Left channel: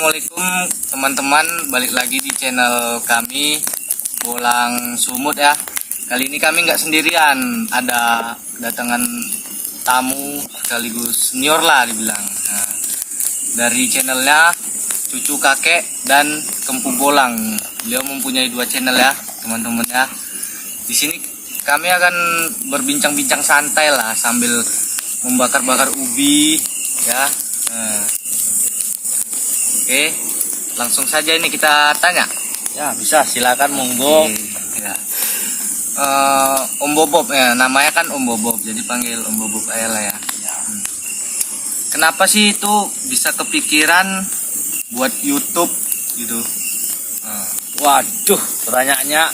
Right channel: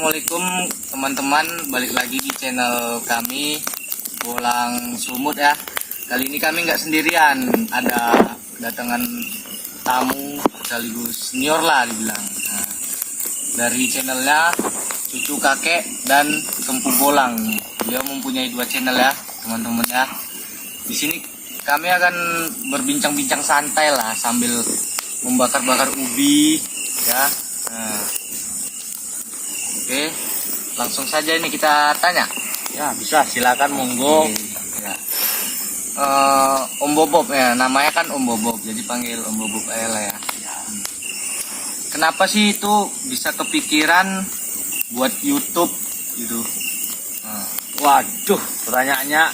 Assalamualaikum teman-teman, balik lagi di channel kami Bolang Sumut ya. Kali ini kami nggak sendirian, ada kedatangan tamu sekaligus senior lah dibilang. Nah, dari channelnya Cucu Kakek dan Kempu Bolang. Beliau mempunyai 2 channel ya teman-teman ya. Di sini kami akan berbincang-bincang santai lah sambil membakar-bakar ubi ya. Oke, langsung saja ini kita tanya. Ya bisa, silakan monggo. Ya. Om Bobob ya, namanya kan Om Bobob, jadi panggil Om Bobob aja lah ya. Kenapa sih itu bisa kepikiran buat YouTube gitu? Waduh, pertanyaannya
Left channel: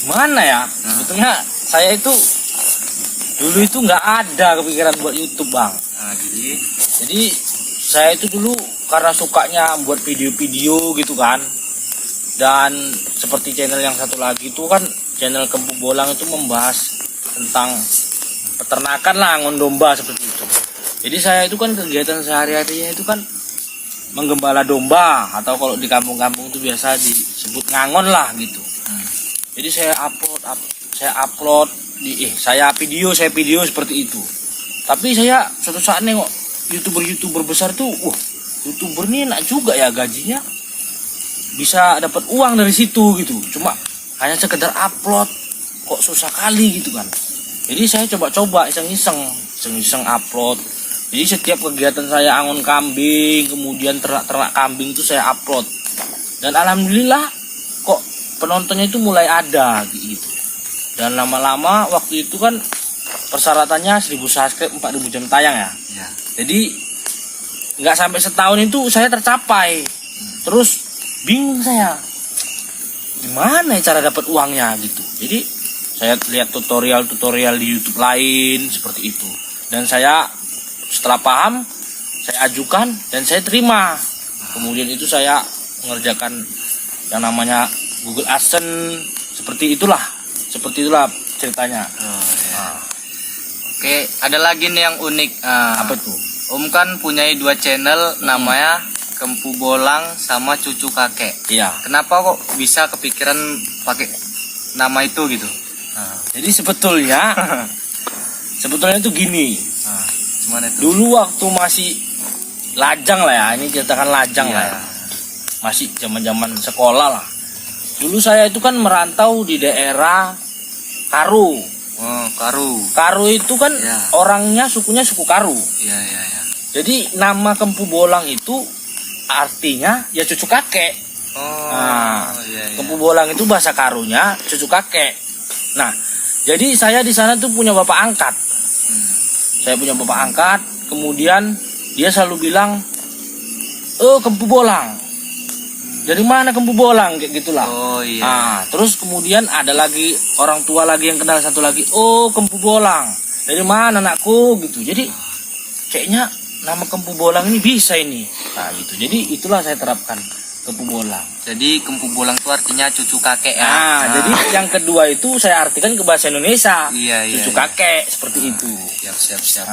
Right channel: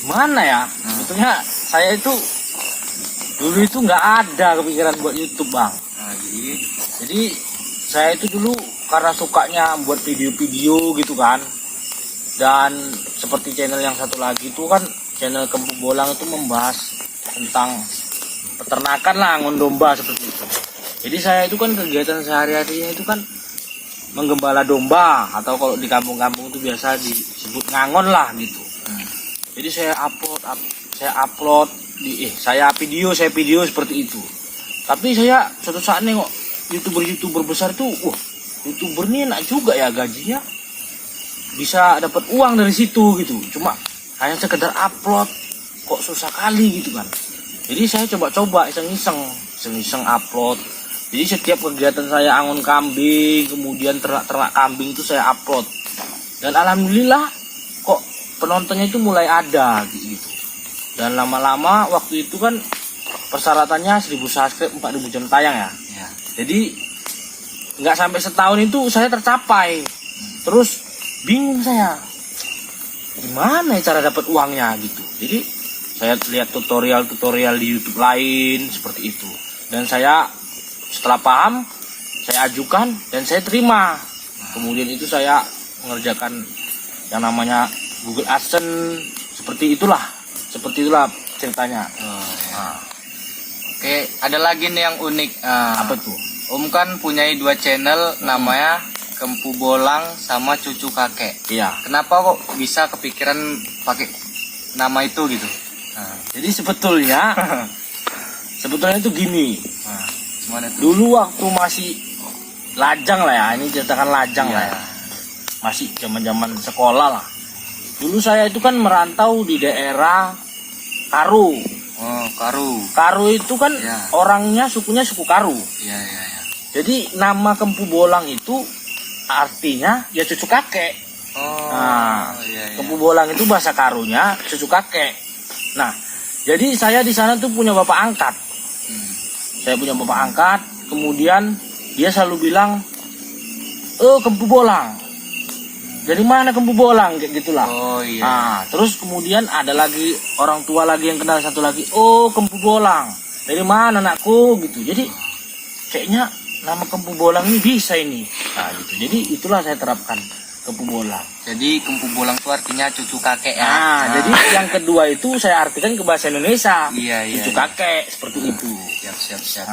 gimana ya? Sebetulnya saya itu dulu itu nggak ada kepikiran buat YouTube, Bang. Jadi saya itu dulu karena sukanya buat video-video gitu kan, dan seperti channel yang satu lagi itu kan channel Kempu Bolang itu membahas tentang peternakan lah, ngon domba seperti itu. Jadi saya itu kan kegiatan sehari-harinya itu kan menggembala domba, atau kalau di kampung-kampung itu biasa disebut ngangon lah gitu. Jadi saya video seperti itu. Tapi saya suatu saat nengok youtuber besar tuh, youtuber ini enak juga ya, gajinya bisa dapat uang dari situ gitu. Cuma hanya sekedar upload kok susah kali gitu kan. Jadi saya coba-coba iseng-iseng upload. Jadi setiap kegiatan saya angon kambing, kemudian ternak kambing itu saya upload. Dan alhamdulillah kok penontonnya itu mulai ada gitu. Dan lama-lama waktu itu kan persyaratannya 1000 subscribe, 4000 jam tayang ya. Jadi nggak sampai setahun itu saya tercapai. Terus bingung saya, gimana ya cara dapat uangnya gitu. Jadi saya lihat tutorial di YouTube lain seperti itu. Dan saya setelah paham, saya ajukan dan saya terima. Kemudian itu saya mengerjakan yang namanya Google AdSense, seperti itulah ceritanya. Oke, ada lagi nih yang unik. Apa tuh? Om kan punya 2 channel, namanya Kempu Bolang sama Cucu Kakek. Iya. Kenapa kok bisa kepikiran pakai nama itu gitu? Jadi sebetulnya itu gini. Gimana itu? Dulu waktu masih lajang lah ya, ini ceritakan lajang lah ya. Masih zaman sekolah lah. Dulu saya itu kan merantau di daerah Karu. Karu itu kan orangnya sukunya suku Karu. Iya. Jadi nama Kempu Bolang itu artinya ya cucu kakek. Kempu Bolang itu bahasa Karunya cucu kakek. Nah, jadi saya di sana tuh punya bapak angkat. Saya punya bapak angkat, kemudian dia selalu bilang, Kempu Bolang. Dari mana Kempu Bolang, kayak gitulah. Terus kemudian ada lagi orang tua lagi yang kenal satu lagi, Kempu Bolang. Dari mana anakku gitu. Jadi kayaknya nama Kempu Bolang ini bisa ini. Gitu. Jadi itulah saya terapkan Kempu Bolang. Jadi Kempu Bolang itu artinya cucu kakek ya. Jadi yang kedua itu saya artikan ke bahasa Indonesia. Cucu kakek seperti itu. Siap.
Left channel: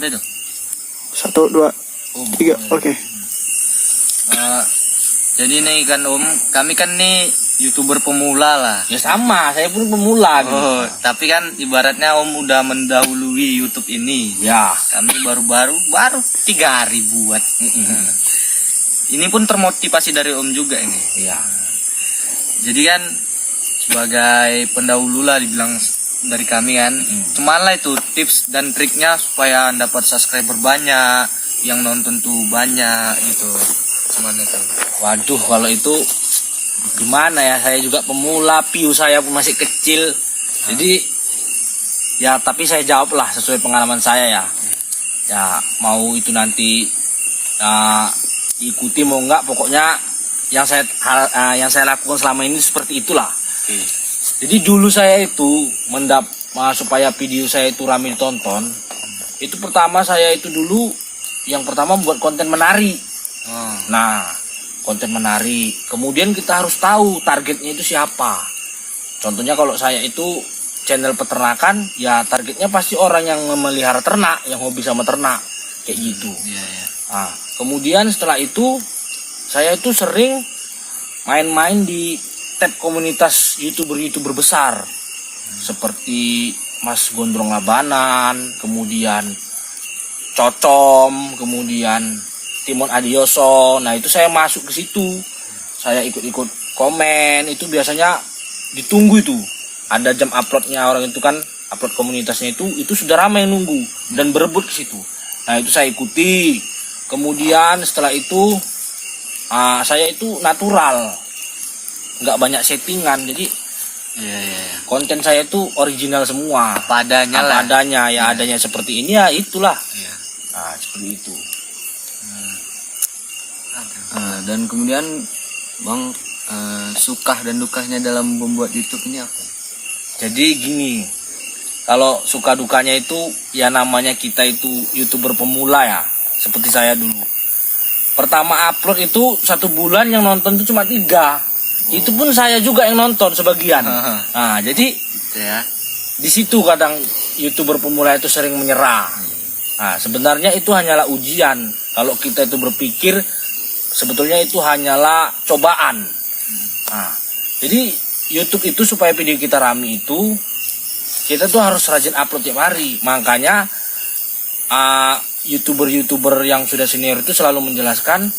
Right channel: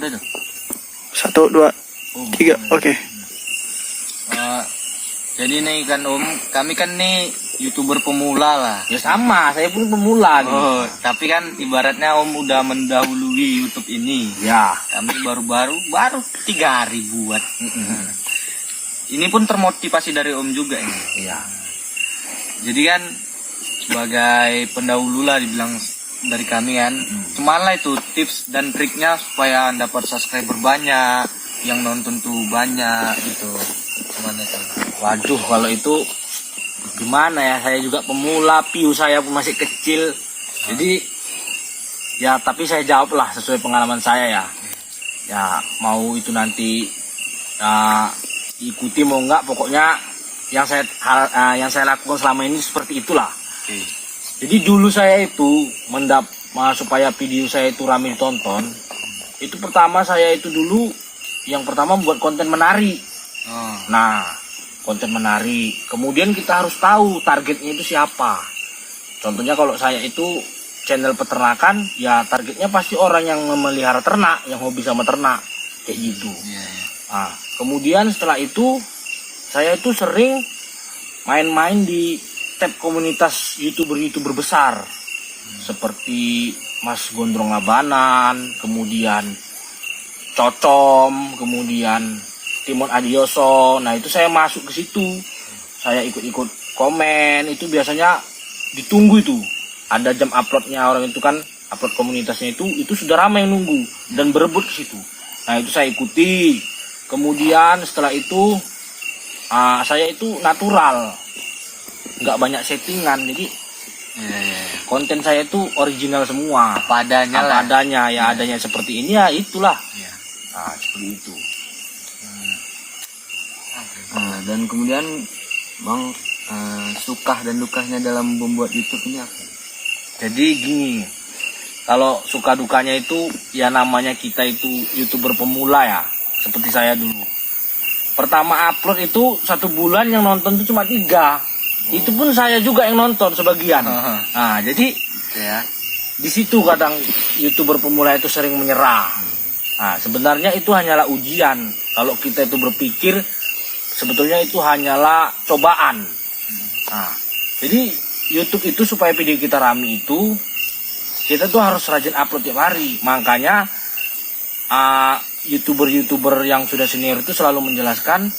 Udah tuh. 1, 2, 3, oke. Jadi nih kan Om, kami kan nih YouTuber pemula lah. Ya sama, saya pun pemula gitu. Tapi kan ibaratnya Om udah mendahului YouTube ini. Ya. Kami baru 3 hari buat. Ini pun termotivasi dari Om juga ini. Iya. Jadi kan sebagai pendahulu lah dibilang dari kami kan. Cuman lah itu tips dan triknya supaya dapat subscriber banyak, yang nonton tuh banyak gitu. Cuman itu. Waduh, kalau itu gimana ya, saya juga pemula, view saya pun masih kecil. Jadi ya tapi saya jawab lah sesuai pengalaman saya ya. Ya mau itu nanti ya diikuti mau enggak, pokoknya yang saya lakukan selama ini seperti itulah. Jadi dulu saya itu supaya video saya itu ramai ditonton, itu pertama saya itu dulu yang pertama membuat konten menari. Nah, konten menari. Kemudian kita harus tahu targetnya itu siapa. Contohnya kalau saya itu channel peternakan, ya targetnya pasti orang yang memelihara ternak, yang hobi sama ternak, kayak gitu. Nah, kemudian setelah itu saya itu sering main-main di tab komunitas youtuber besar seperti Mas Gondrong Labanan, kemudian Cocom, kemudian Timon Adioso. Nah itu saya masuk ke situ, saya ikut-ikut komen. Itu biasanya ditunggu itu, ada jam uploadnya orang itu kan, upload komunitasnya itu sudah ramai nunggu dan berebut ke situ. Nah itu saya ikuti. Kemudian setelah itu saya itu natural, nggak banyak settingan, jadi konten saya itu original semua, apa adanya lah. Adanya ya, adanya seperti ini ya itulah. Nah seperti itu. Dan kemudian Bang, suka dan dukanya dalam membuat YouTube ini apa? Jadi gini, kalau suka dukanya itu ya namanya kita itu YouTuber pemula ya, seperti saya dulu. Pertama upload itu 1 bulan yang nonton itu cuma 3. Itu pun saya juga yang nonton sebagian. Nah, jadi Ya. di situ kadang YouTuber pemula itu sering menyerah. Nah, sebenarnya itu hanyalah ujian. Kalau kita itu berpikir sebetulnya itu hanyalah cobaan. Nah, jadi YouTube itu supaya video kita rame itu kita tuh harus rajin upload tiap hari. Makanya YouTuber yang sudah senior itu selalu menjelaskan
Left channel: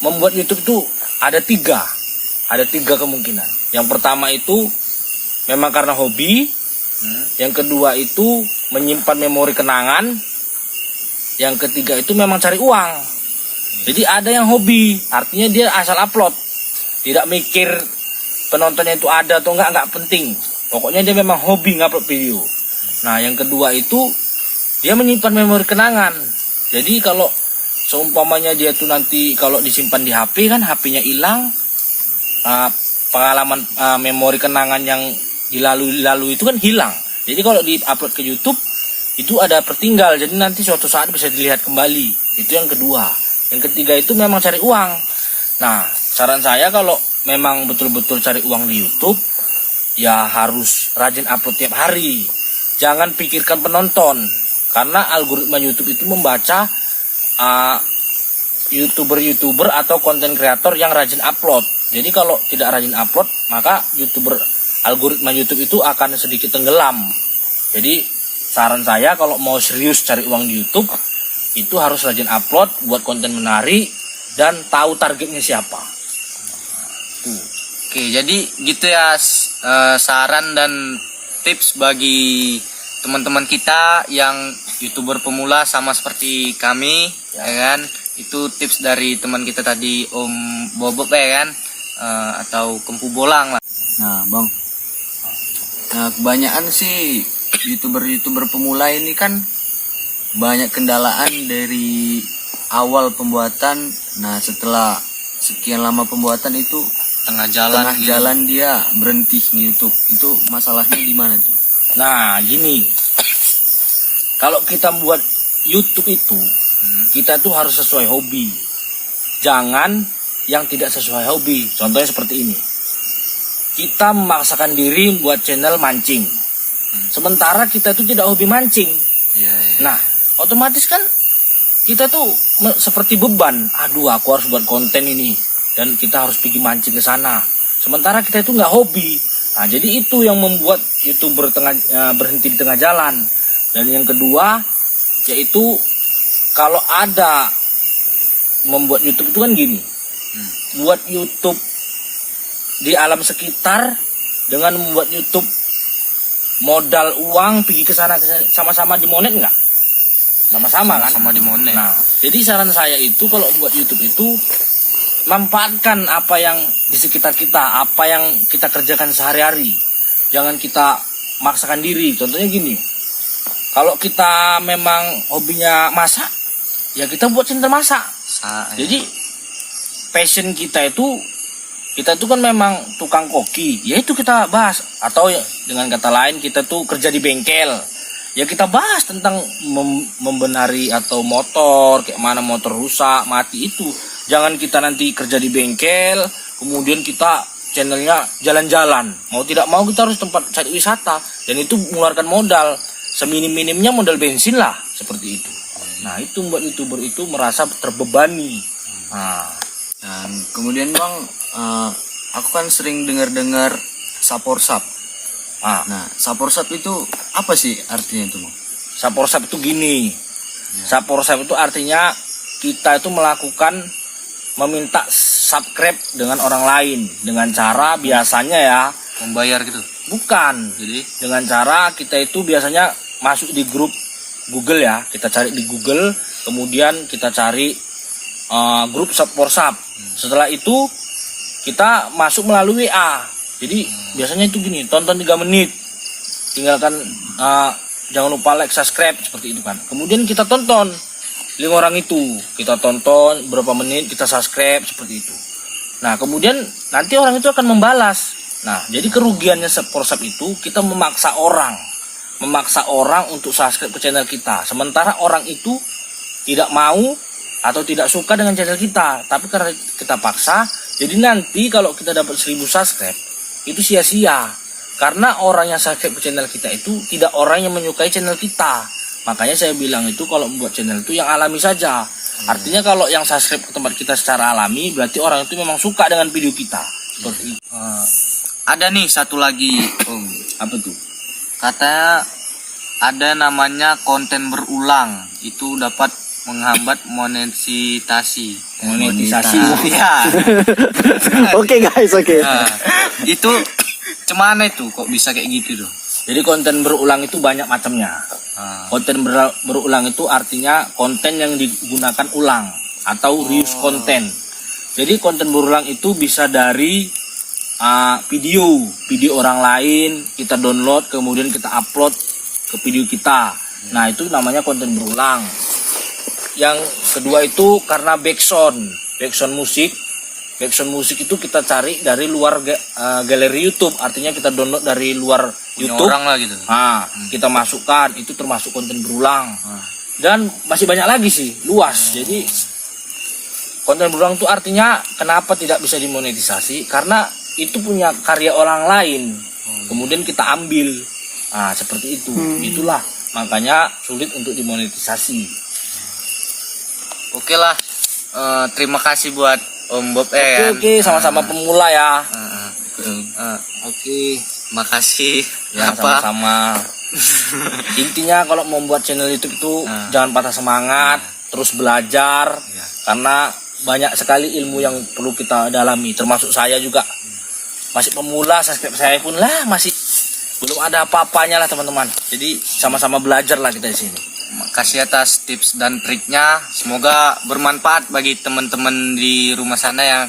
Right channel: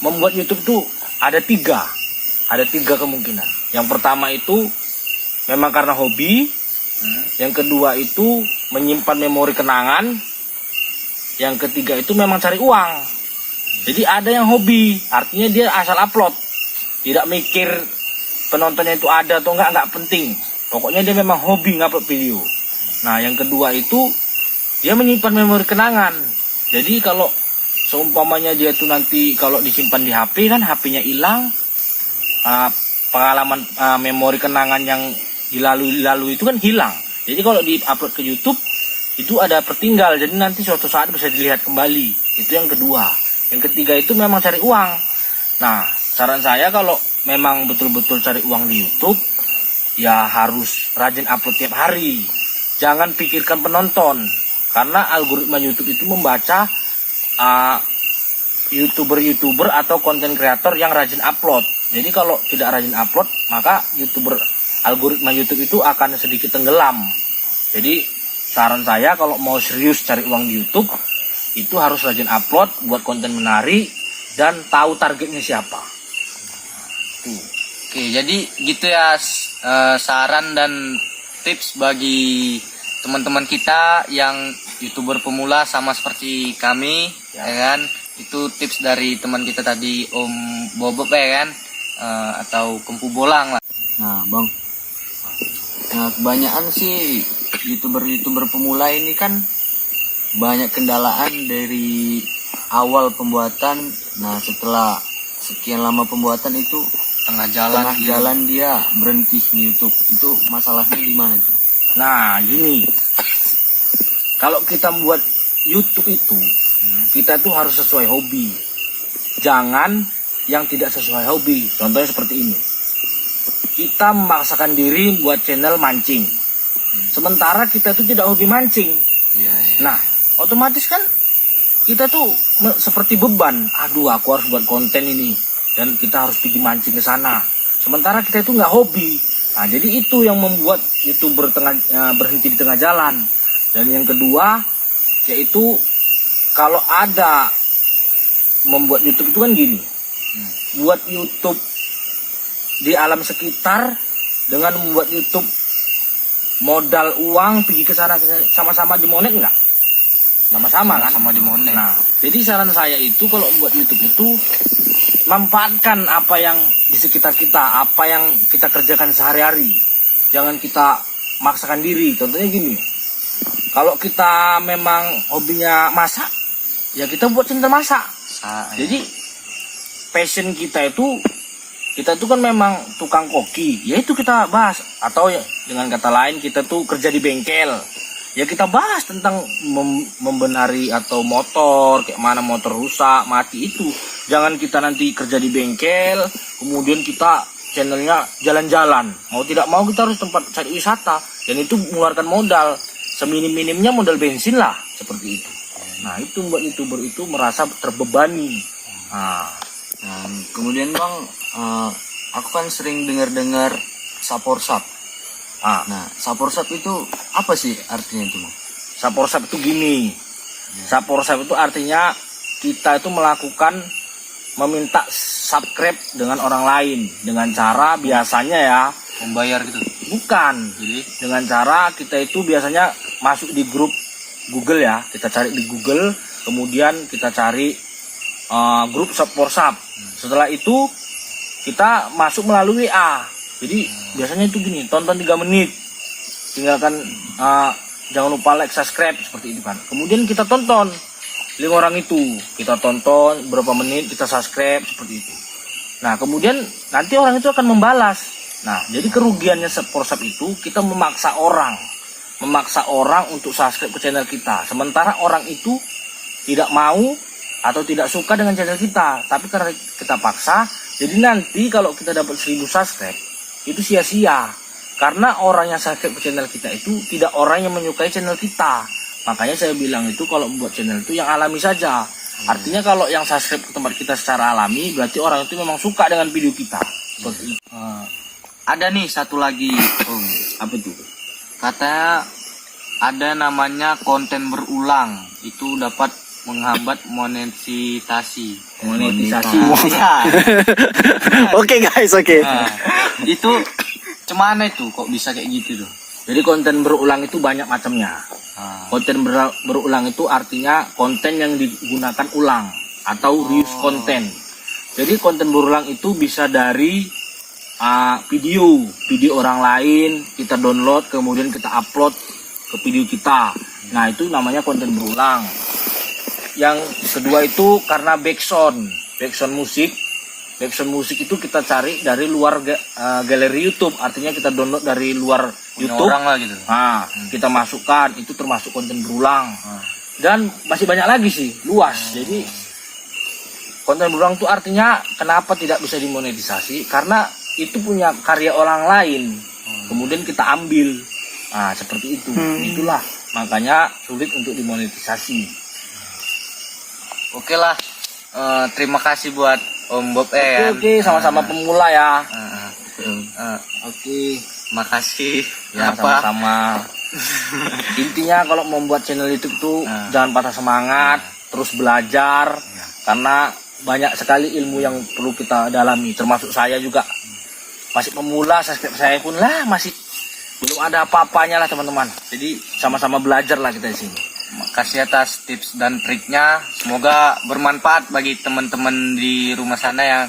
membuat YouTube tuh ada 3 kemungkinan. Yang pertama itu memang karena hobi, yang kedua itu menyimpan memori kenangan, yang ketiga itu memang cari uang. Jadi ada yang hobi, artinya dia asal upload, tidak mikir penontonnya itu ada atau enggak penting. Pokoknya dia memang hobi ngupload video. Nah yang kedua itu dia menyimpan memori kenangan. Jadi kalau seumpamanya dia tuh nanti kalau disimpan di HP kan, HP-nya hilang, pengalaman memori kenangan yang dilalui itu kan hilang. Jadi kalau di-upload ke YouTube itu ada tertinggal, jadi nanti suatu saat bisa dilihat kembali. Itu yang kedua. Yang ketiga itu memang cari uang. Nah saran saya kalau memang betul-betul cari uang di YouTube, ya harus rajin upload tiap hari. Jangan pikirkan penonton, karena algoritma YouTube itu membaca YouTuber atau konten kreator yang rajin upload. Jadi kalau tidak rajin upload, maka algoritma YouTube itu akan sedikit tenggelam. Jadi saran saya kalau mau serius cari uang di YouTube, itu harus rajin upload, buat konten menarik, dan tahu targetnya siapa. Oke, jadi gitu ya, saran dan tips bagi teman-teman kita yang YouTuber pemula sama seperti kami, ya kan? Itu tips dari teman kita tadi, Om Bobop ya kan, atau Kempu Bolang lah. Nah Bang, kebanyakan sih YouTuber pemula ini kan banyak kendalaan dari awal pembuatan. Nah setelah sekian lama pembuatan itu Tengah jalan dia berhenti di YouTube. Itu masalahnya di mana tuh? Nah gini, kalau kita buat YouTube itu, kita tuh harus sesuai hobi. Jangan yang tidak sesuai hobi. Contohnya seperti ini. Kita memaksakan diri buat channel mancing. Sementara kita tuh tidak hobi mancing. Nah, otomatis kan kita tuh seperti beban. Aduh, aku harus buat konten ini. Dan kita harus pergi mancing ke sana. Sementara kita itu nggak hobi. Nah, jadi itu yang membuat YouTuber berhenti di tengah jalan. Dan yang kedua, yaitu kalau ada membuat YouTube itu kan gini. Buat YouTube di alam sekitar dengan membuat YouTube modal uang pergi ke sana sama-sama dimonet nggak? Sama-sama kan? Sama dimonet. Nah, jadi saran saya itu kalau buat YouTube itu manfaatkan apa yang di sekitar kita, apa yang kita kerjakan sehari-hari. Jangan kita maksakan diri. Contohnya gini, kalau kita memang hobinya masak, ya kita buat channel masak. Jadi passion kita itu kan memang tukang koki, ya itu kita bahas. Atau ya, dengan kata lain kita tuh kerja di bengkel, ya kita bahas tentang membenari atau motor, kayak mana motor rusak, mati itu. Jangan kita nanti kerja di bengkel, kemudian kita channelnya jalan-jalan. Mau tidak mau kita harus tempat cari wisata, dan itu mengeluarkan modal. Seminim-minimnya modal bensin lah, seperti itu. Nah itu membuat YouTuber itu merasa terbebani. Nah, Dan kemudian Bang, aku kan sering dengar saporsap. ah, Nah, saporsap itu apa sih artinya itu Bang? saporsap itu gini. Saporsap itu artinya kita itu meminta subscribe dengan orang lain dengan cara biasanya ya, Membayar gitu. bukan. Jadi Dengan cara kita itu biasanya masuk di grup Google ya, kita cari di Google, kemudian kita cari grup Saporsap. Setelah itu kita masuk melalui WA. Jadi biasanya itu gini, tonton 3 menit, tinggalkan, jangan lupa like, subscribe, seperti itu kan. Kemudian kita tonton 5 orang itu, kita tonton berapa menit, kita subscribe, seperti itu. Nah kemudian nanti orang itu akan membalas. Nah jadi kerugiannya Saporsap itu kita memaksa orang untuk subscribe ke channel kita, sementara orang itu tidak mau atau tidak suka dengan channel kita, tapi karena kita paksa, jadi nanti kalau kita dapat 1000 subscribe itu sia-sia, karena orang yang subscribe ke channel kita itu tidak orang yang menyukai channel kita. Makanya saya bilang itu kalau membuat channel itu yang alami saja. Artinya kalau yang subscribe ke tempat kita secara alami, berarti orang itu memang suka dengan video kita. Seperti itu. ada nih satu lagi, Om. Apa tuh? Kata ada namanya konten berulang, itu dapat menghambat monetisasi. Monetisasi. Ya. Oke guys, oke. Nah, itu cemana itu kok bisa kayak gitu tuh? Jadi konten berulang itu banyak macamnya. Konten berulang itu artinya konten yang digunakan ulang atau reuse konten. Jadi konten berulang itu bisa dari video orang lain kita download, kemudian kita upload ke video kita. Nah itu namanya konten berulang. Yang kedua itu karena backsound musik. Backsound musik itu kita cari dari luar galeri YouTube, artinya kita download dari luar Punya YouTube. orang lah gitu. Nah, kita masukkan, itu termasuk konten berulang. Dan masih banyak lagi sih, luas. Jadi konten berulang itu artinya kenapa tidak bisa dimonetisasi? Karena itu punya karya orang lain. Kemudian kita ambil. Nah, seperti itu. Itulah makanya sulit untuk dimonetisasi. Oke lah. Terima kasih buat Om Bob Oke, sama-sama pemula ya. Oke, makasih. Ya, Apa? sama-sama. Intinya kalau membuat channel YouTube itu jangan patah semangat, terus belajar, karena banyak sekali ilmu yang perlu kita dalami, termasuk saya juga masih pemula, saya pun lah masih belum ada apa-apanya lah teman-teman. Jadi sama-sama belajar lah kita di sini. Makasih atas tips dan triknya. Semoga bermanfaat bagi teman-teman di rumah sana yang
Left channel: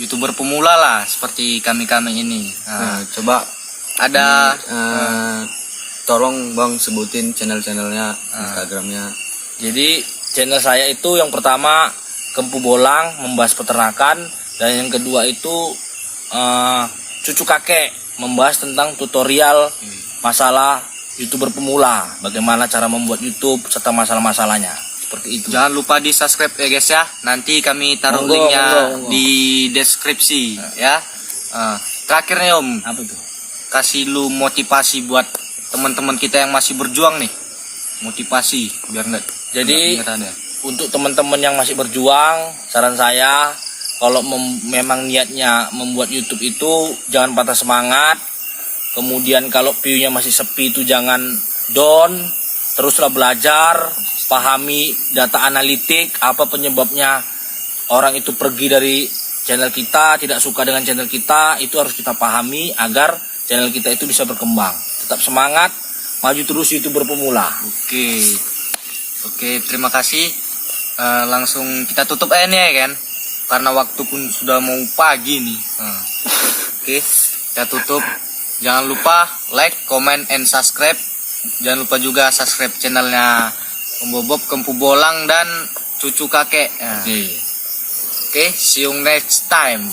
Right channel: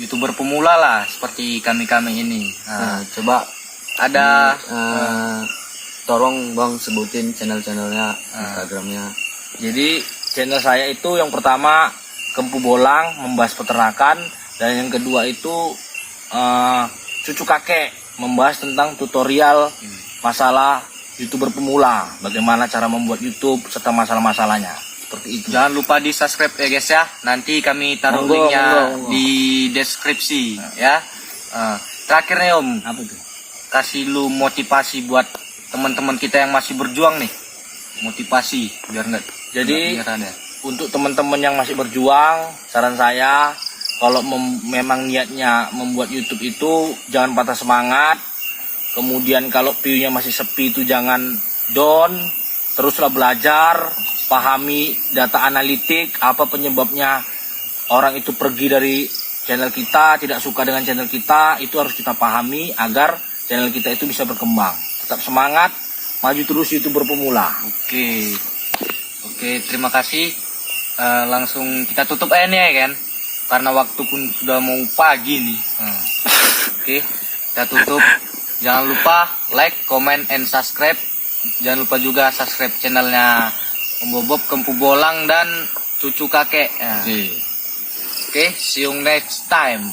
YouTuber pemula lah seperti kami-kami ini. Nah, coba Ada tolong Bang sebutin channel-channelnya, Instagramnya. Jadi channel saya itu yang pertama Kempu Bolang, membahas peternakan, dan yang kedua itu Cucu Kakek, membahas tentang tutorial masalah YouTuber pemula, bagaimana cara membuat YouTube serta masalah-masalahnya. Seperti itu. Jangan lupa di subscribe ya guys ya. Nanti kami taruh Monggo, linknya monggo. di deskripsi ya. Terakhir nih Om, Apa itu? kasih lu motivasi buat teman-teman kita yang masih berjuang nih. Motivasi biar nggak Jadi menyerah ya. untuk teman-teman yang masih berjuang, saran saya kalau memang niatnya membuat YouTube itu jangan patah semangat. Kemudian kalau view-nya masih sepi itu jangan down, teruslah belajar, pahami data analitik, apa penyebabnya orang itu pergi dari channel kita, tidak suka dengan channel kita, itu harus kita pahami agar channel kita itu bisa berkembang. Tetap semangat, maju terus YouTuber pemula. Oke, terima kasih. Langsung kita tutup nih ya kan, karena waktu pun sudah mau pagi nih. Oke, kita tutup. Jangan lupa like, comment, and subscribe. Jangan lupa juga subscribe channelnya Om Bob, Kempu Bolang, dan Cucu Kakek. Oke, see you next time.